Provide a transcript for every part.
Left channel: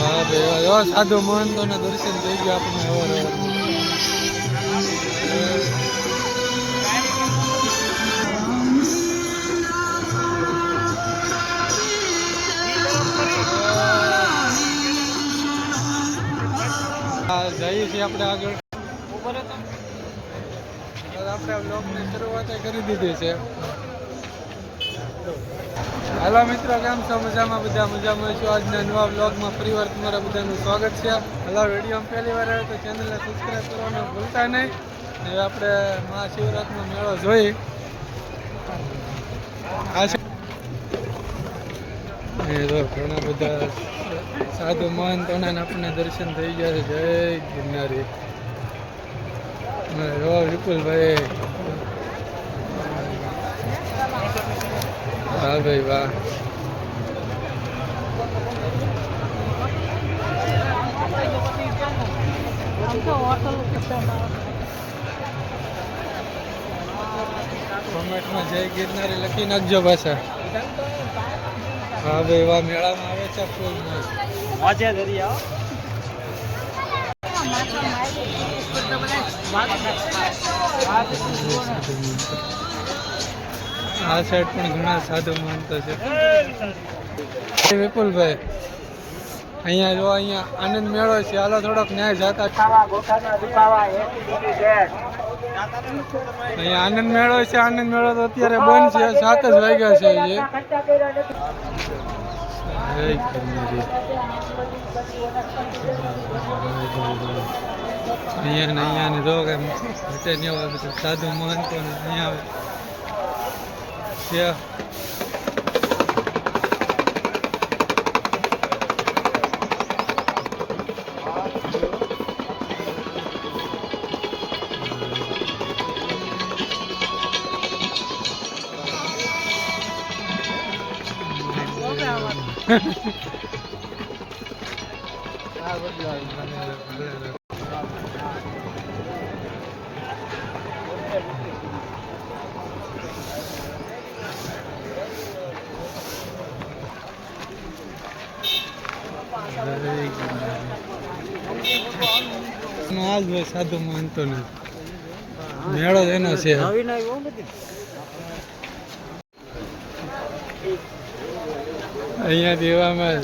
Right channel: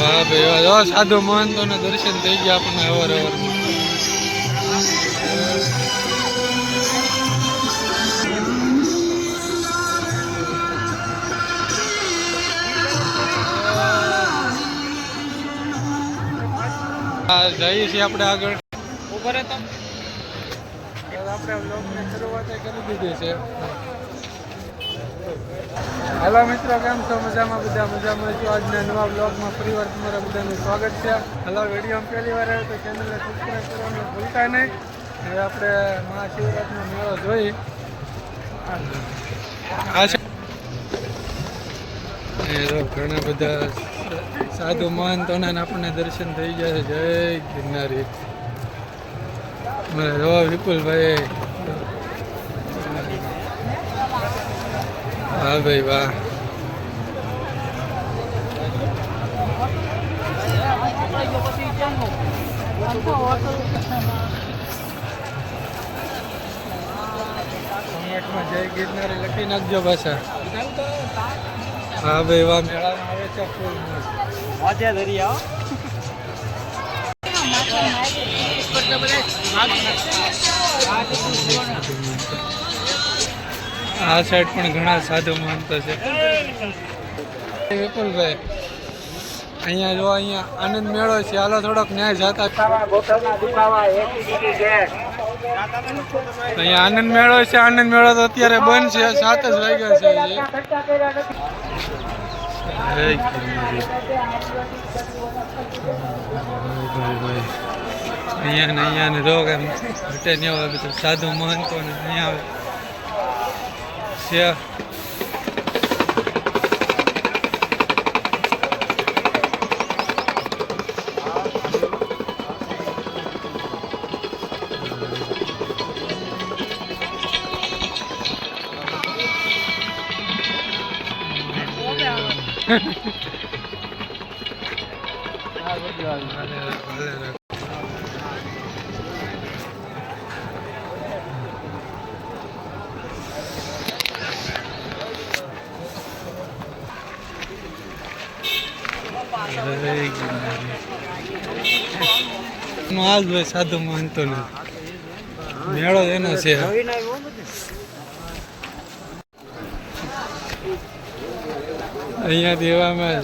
વાહ ભાઈ વાહ, જો સાધુ મહંતોના દર્શન થઈ ગયા આપણને અવાર અવારમાં. જઈએ છીએ આપણે આગળ. આપણે બ્લોગની શરૂઆત કરી દીધી છે. હાલો મિત્રો, કેમ છો? મજામાં? બધા મજામાં છો? આજના નવા બ્લોગમાં ફરીવાર તમારા બધાનું સ્વાગત છે. હાલો, વિડીયો પહેલી વાર આવ્યો તો ચેનલને સબસ્ક્રાઈબ કરવાનું ભૂલતા નહીં. હવે આપણે મહાશિવરાત્રિનો મેળો જોઈ આ ઘણા બધા સાધુ મહંતોના આપણને દર્શન થઈ ગયા છે. જય ગિરનારી. વિપુલભાઈ, હા ભાઈ વાહ. કોમેન્ટમાં જય ગિરનારી લખી નાખજો પાછા. હા ભાઈ વાહ, મેળામાં આવે છે ફૂલ મસ્ત. આ સાઈડ પણ ઘણા સાધુ મહંતો છે. વિપુલભાઈ, અહીંયા જો અહીંયા આનંદ મેળો છે. હાલો થોડોક ન્યાય જાતા. અહીંયા આનંદ મેળો છે. આનંદ મેળો તો અત્યારે બંધ છે, 7 જ વાગ્યા છે. અહીંયા ને જો કે હટે ને બધું સાધુ મહંતો ને અહીંયા આવે છે. આજ ભાઈ સાધુ મહંતો નો મેળો એનો છે. અહીંયાથી એવામાં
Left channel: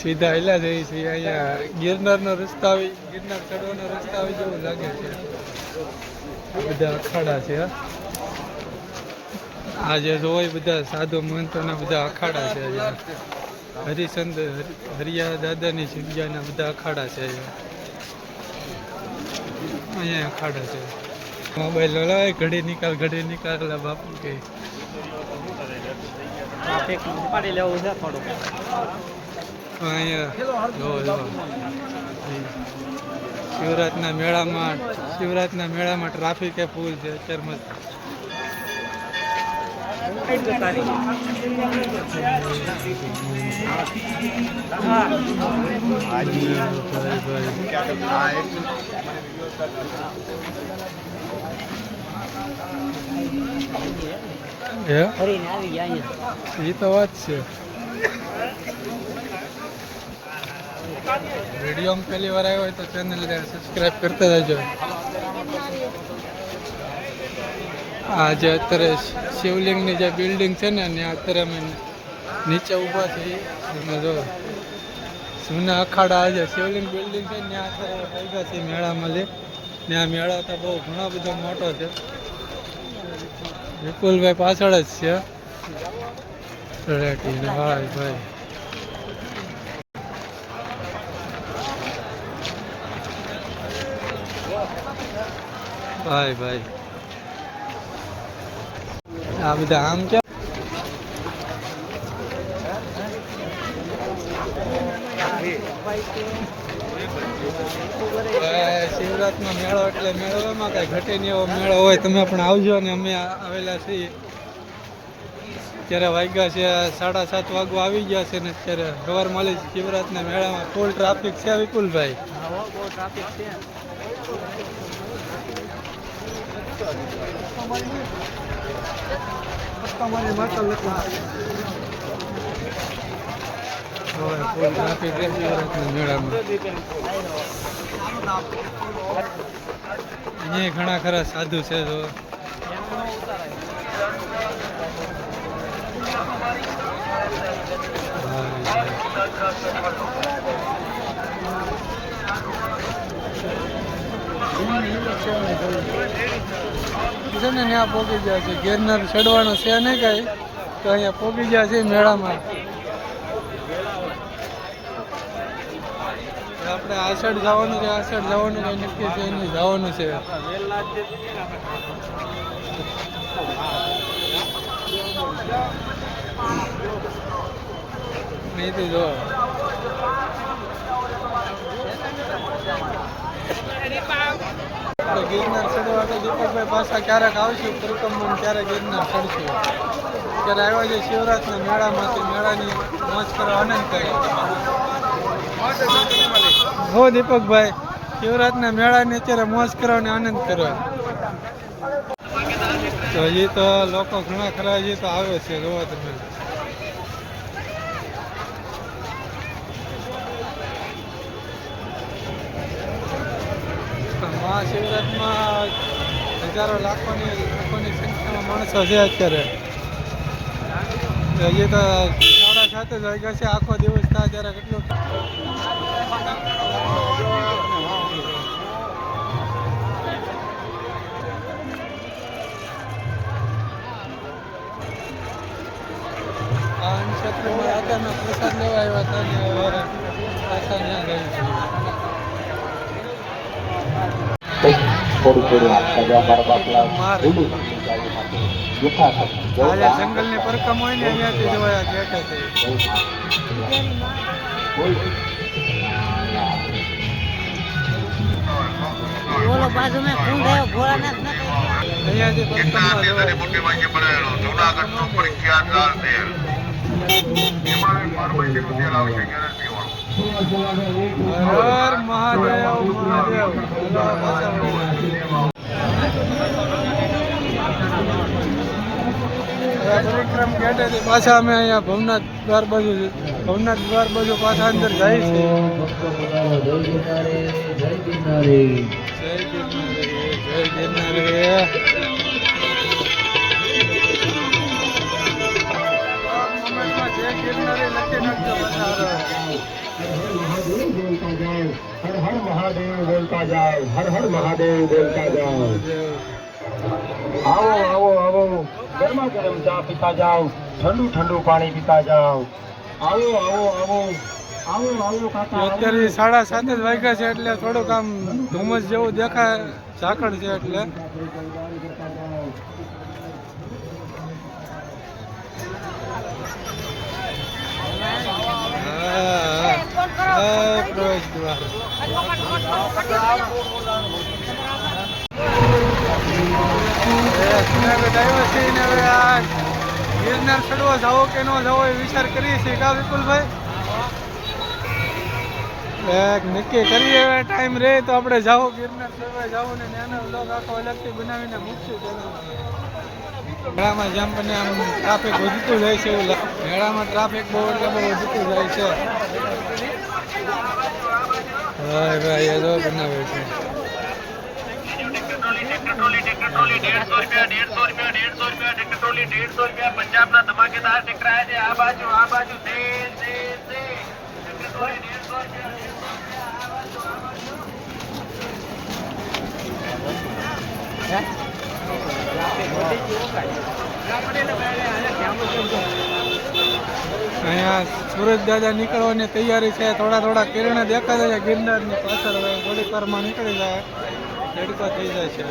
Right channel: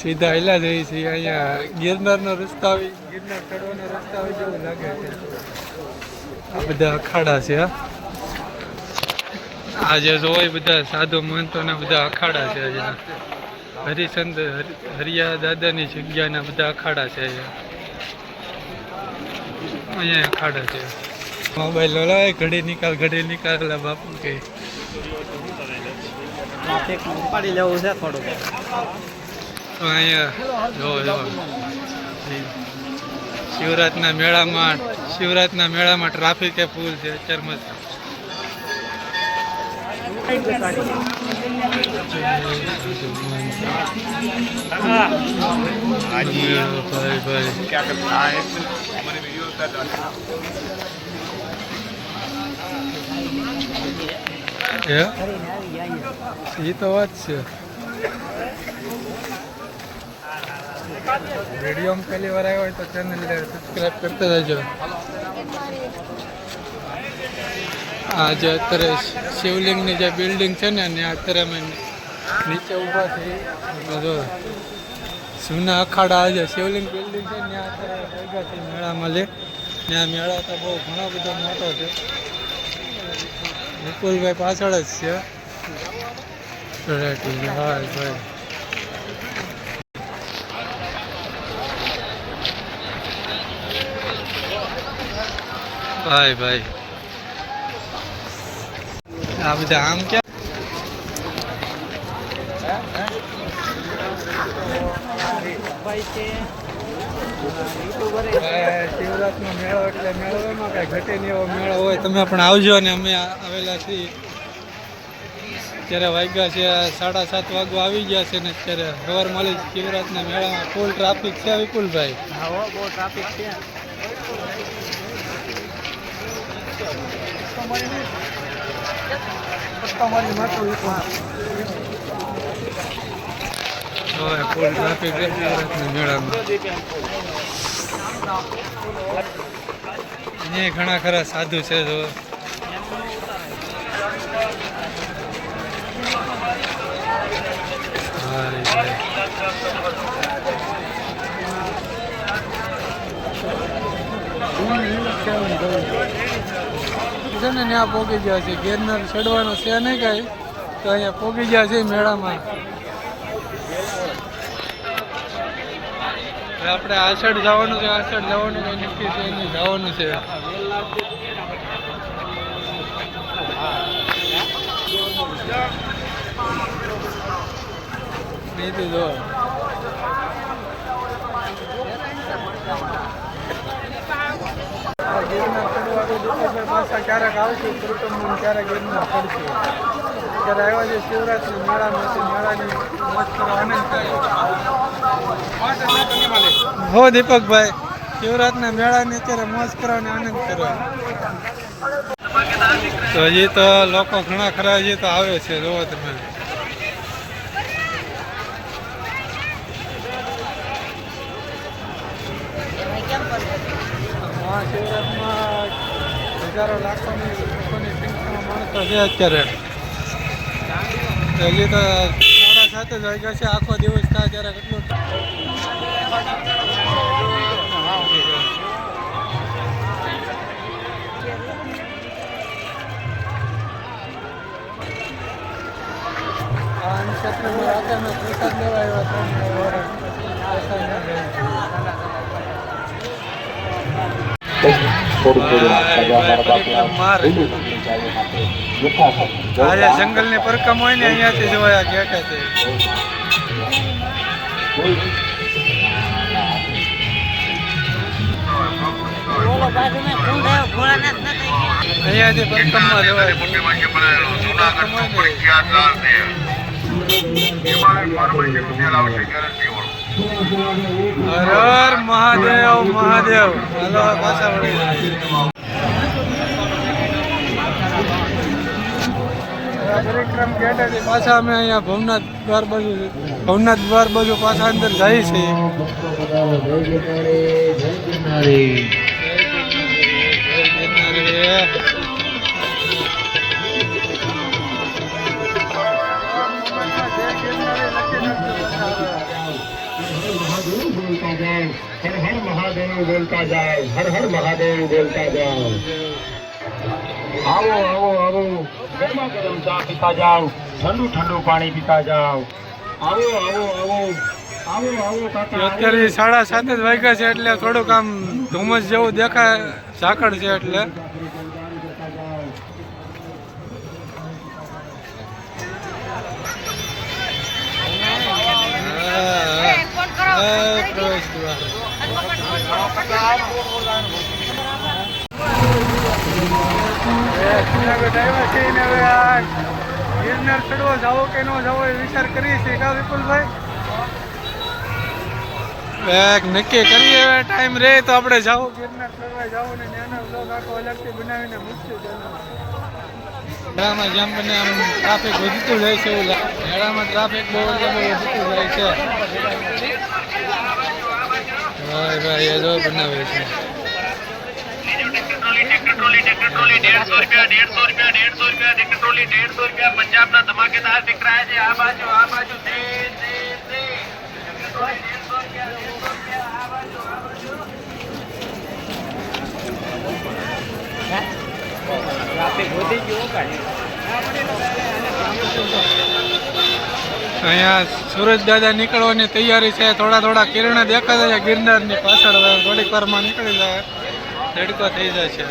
સીધા હેલા જઈએ છીએ. અહીંયા ગિરનારનો રસ્તો આવી, ગિરનાર ચડવાનો રસ્તો આવી જેવું લાગે છે. આ બધા અખાડા છે. આ જે જોવાય બધા સાધુ મહંતોના બધા અખાડા છે. અહીંયા હરિચંદ હરિયા દાદાની જગ્યાના બધા અખાડા છે. અહીંયા અખાડા છે. મોબાઈલ લાવે, ઘડી નિકાલ બાપુ કે અહીંયા જો શિવરાતના મેળામાં ટ્રાફિક એ ફૂલ છે અત્યારમાં. એ તો વાત છે. વિડીયોમાં પહેલી વાર આવ્યો હોય તો ચેનલને સબસ્ક્રાઈબ કરતા જજો. આ જે અત્યારે શિવલિંગની જે બિલ્ડિંગ છે ને ત્યાં અત્યારે અમે નીચે ઊભા છીએ. જૂના અખાડા જે શિવલિંગ બિલ્ડિંગ છે ત્યાં અત્યારે પૈસા છે મેળામાં લે. ત્યાં મેળા તો બહુ ઘણો બધો મોટો છે. વિપુલભાઈ પાછળ જ છે. ભાઈ આ બધા આમ ક્યાં શિવરાતનો મેળો એટલે મેળો એમાં કઈ ઘટે નહીં એવો મેળો હોય. તમે પણ આવજો. ને અમે આવેલા છીએ અત્યારે વાગ્યા છે 7:30 વાગવા આવી ગયા છે. ને અત્યારે સવારમાં શિવરાતના મેળામાં ફૂલ ટ્રાફિક છે. વિપુલભાઈ, હવે ફૂલ ટ્રાફિક છે શિવરાત્રિના મેળામાં. અહીંયા ઘણા ખરા સાધુ છે જો. છે ને ત્યાં પોગી ગયા છે. ગિરનાર ચડવાનું છે નહીં કઈ તો અહીંયા પોગી ગયા છે મેળામાં. આપણે આ સાઈડ જવાનું કે આ સાઈડ જવાનું કઈ નક્કી છે નહીં, જવાનું છે. અહીંથી જો ગિરનાર ચડવા તો દીપકભાઈ પાછા ક્યારેક આવશું પરિક્રમા, ક્યારેક ગિરનાર ચડશું. ત્યારે આવ્યા છે શિવરાત્રિના મેળામાંથી, મેળાની મોજ કરવા આનંદ કરે. હો દીપકભાઈ, શિવરાત્રિના મેળાની અત્યારે મોજ કરવાનો આનંદ કરો. તો હજી તો લોકો ઘણા ખરા હજી તો આવે છે, જોવો તમે. મહાશિવરાત્રિમાં હજારો લાખોની સંખ્યામાં માણસો છે અત્યારે. હજી તો 7:30 જ વાગ્યા છે. આખો દિવસ થાય ત્યારે કેટલું આ ક્ષેત્રમાં રાધાનો પ્રસાદ લેવા આવ્યા હતા ને હવે પ્રસાદ ત્યાં જાય છે. આજે જંગલની પરકમ હોય ને અહીંયાથી જોયા ગયા છે. અહીંયાથી પરકમમાં જવાય. હર હર મહાદેવ મહાદેવ. હાલો પાછા વળી પરિક્રમ ગેટેથી પાછા અમે અહીંયા ભવનાથ દ્વાર બાજુ પાછા અંદર જાય છે. લખી નાખજો महादेव बोलता जाओ, हर हर महादेव बोलता जाओ, हर हर महादेव बोलता जाओ. आओ आओ आओ, गर्मा गर्म चा पीता जाओ, ठंडू ठंडू पानी पीता जाओ. आओ आओ आओ आओ आओ काका. અત્યારે 7:30 જ વાગ્યા છે એટલે થોડુંક આમ ધુમ્મસ જેવું દેખાય, ઝાકળ છે એટલે. પ્રવેશ દ્વાર જુનાગઢ આવ્યા છે ને હવે આ ગિરનાર ચડવા જાવો કે ન જાવો એ વિચાર કરીએ છીએ. કા વિપુલભાઈ નક્કી કરીએ હવે ટાઈમ રહે તો આપણે જાવું ગિરનાર ચડવા જાવું ને એનો વ્લોગ આખો અલગથી બનાવીને મૂકશું. મેળામાં જેમ બને આમ ટ્રાફિક વધતું જાય છે એવું લાગે. મેળામાં ટ્રાફિક બહુ એટલે બહુ વધતું જાય છે. ભાઈ એ જો બનાવે છે. 150 રૂપિયા પંજાબના ધમાકેદાર દિખ રહા है આ બાજુ અહીંયા સુરજ દાદા નીકળવાની તૈયારી છે. થોડા કિરણ દેખાતા છે ગિરનારની પાછળ. થોડીક વારમાં નીકળી જાય, તડકો થઈ જાય છે.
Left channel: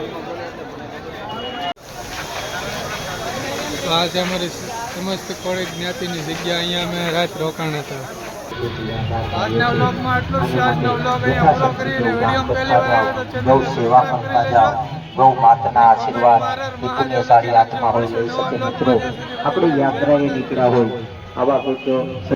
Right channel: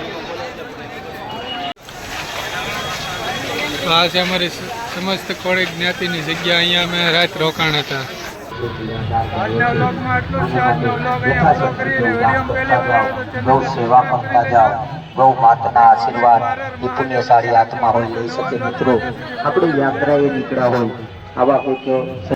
તો આ છે અમારી સમસ્ત કોળી જ્ઞાતિની જગ્યા. અહીંયા અમે રાત રોકાણ હતા. આજના વ્લોગમાં આટલું જ છે. આજનો વ્લોગ અહીંયા પૂરો કરીને વિડીયો પહેલી વાર આવ્યો તો ચેનલ સેવા કરતા જાઓ. ગૌ માતાના આશીર્વાદ એ પુણ્યશાળી આત્મા હોય લઈ શકે. મિત્રો આપણે યાત્રાએ નીકળ્યા હોય આવા કોઈક